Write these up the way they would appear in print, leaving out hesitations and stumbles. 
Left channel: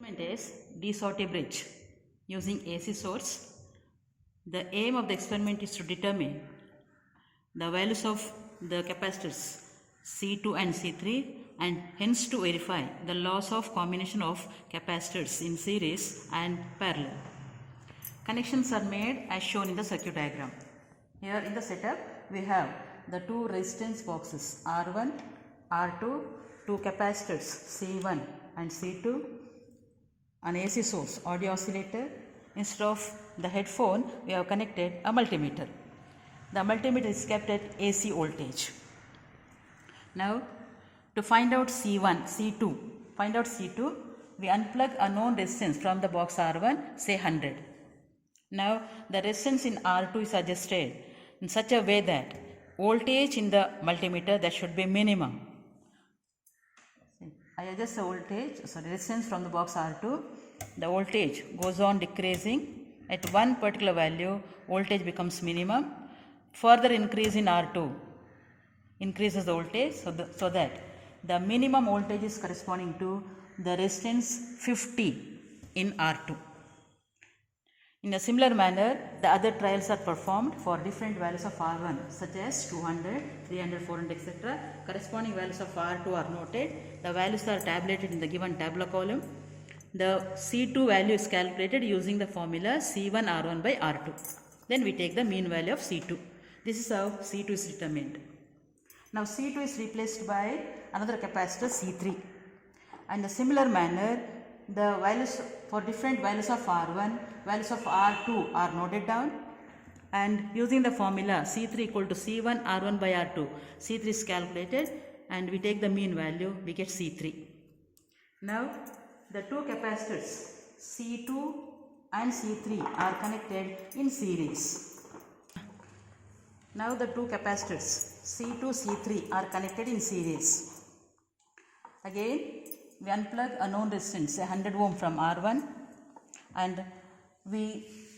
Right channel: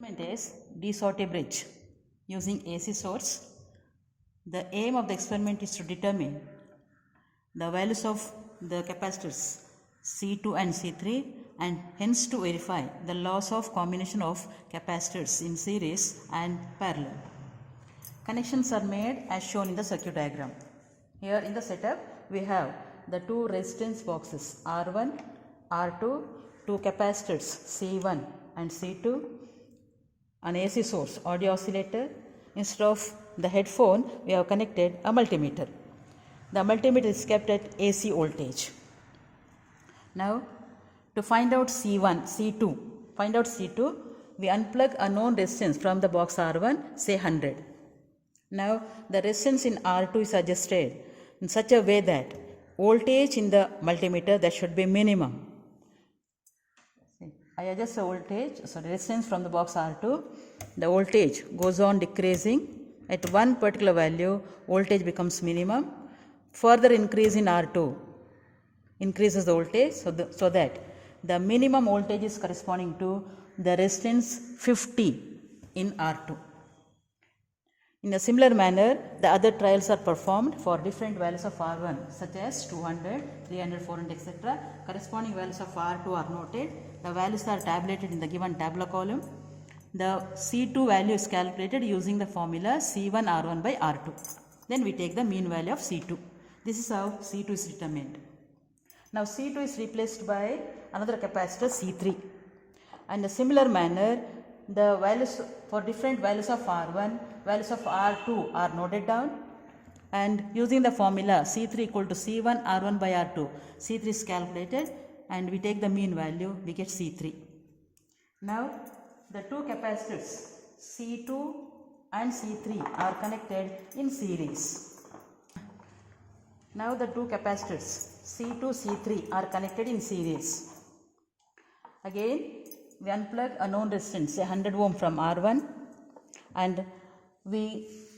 Experiment is de-Sauté bridge using AC source. The aim of the experiment is to determine the values of the capacitors C2 and C3 and hence to verify the laws of combination of capacitors in series and parallel. Connections are made as shown in the circuit diagram. Here in the setup we have the two resistance boxes R1, R2, two capacitors C1 and C2, an AC source, audio oscillator. Instead of the headphone, we have connected a multimeter. The multimeter is kept at AC voltage. Now, to find out C2, we unplug a known resistance from the box R1, say 100. Now, the resistance in R2 is adjusted in such a way that voltage in the multimeter that should be minimum. I adjust the resistance from the box R2. The voltage goes on decreasing. At one particular value, voltage becomes minimum. Further increase in R2 increases the voltage so that the minimum voltage is corresponding to the resistance 50 in R2. In a similar manner, the other trials are performed for different values of R1 such as 200, 300, 400 etc. Corresponding values of R2 are noted. The values are tabulated in the given tabular column. The C2 value is calculated using the formula C1 R1 by R2. Then we take the mean value of C2. This is how C2 is determined. Now C2 is replaced by another capacitor C3. And in a similar manner, the values for different values of R1, values of R2 are noted down, and using the formula C3 equal to C1 R1 by R2, C3 is calculated and we take the mean value, we get C3. Now the two capacitors C2 and C3 are connected in series. Now the two capacitors C2, C3 are connected in series. Again, we unplug a known resistance, say 100 ohm from R1, and we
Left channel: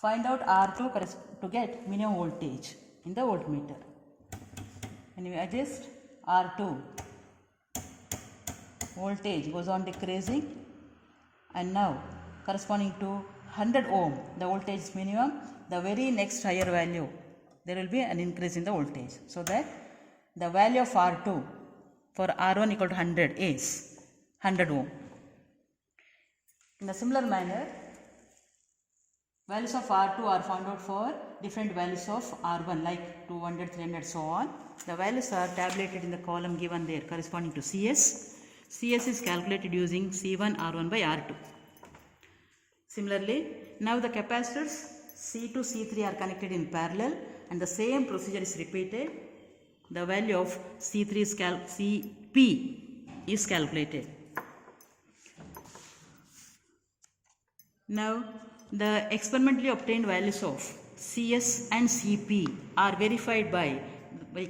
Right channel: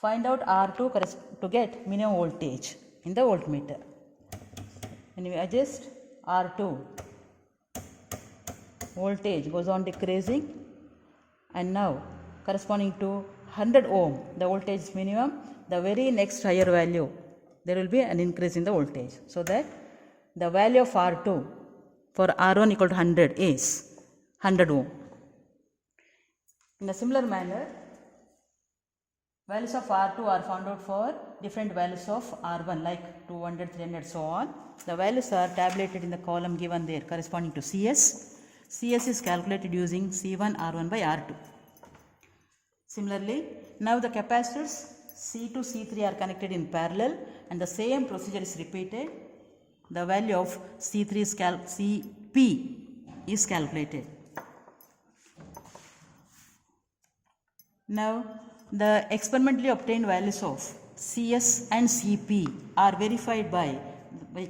find out R2 to get minimum voltage in the voltmeter. And we adjust R2, voltage goes on decreasing, and now corresponding to 100 ohm, the voltage is minimum. The very next higher value, there will be an increase in the voltage, so that the value of R2 for R1 equal to 100 is 100 ohm. In a similar manner, values of R2 are found out for different values of R1 like 200, 300 so on. The values are tabulated in the column given there corresponding to CS. CS is calculated using C1 R1 by R2. Similarly, now the capacitors C2, C3 are connected in parallel and the same procedure is repeated. The value of C3 is CP is calculated. Now the experimentally obtained values of CS and CP are verified by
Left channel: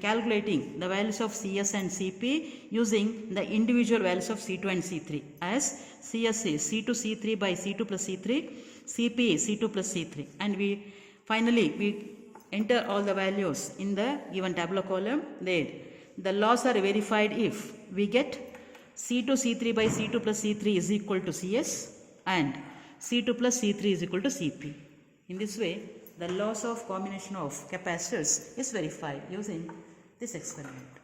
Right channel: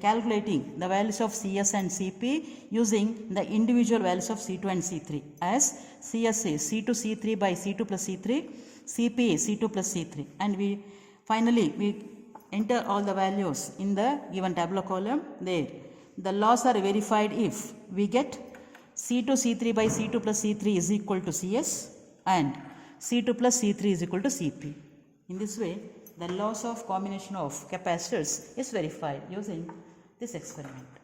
calculating the values of CS and CP using the individual values of C2 and C3, as CS is C2 C3 by C2 plus C3, CP is C2 plus C3, and we enter all the values in the given tabular column there. The laws are verified if we get C2 C3 by C2 plus C3 is equal to CS and C2 plus C3 is equal to CP. In this way, the laws of combination of capacitors is verified using this experiment.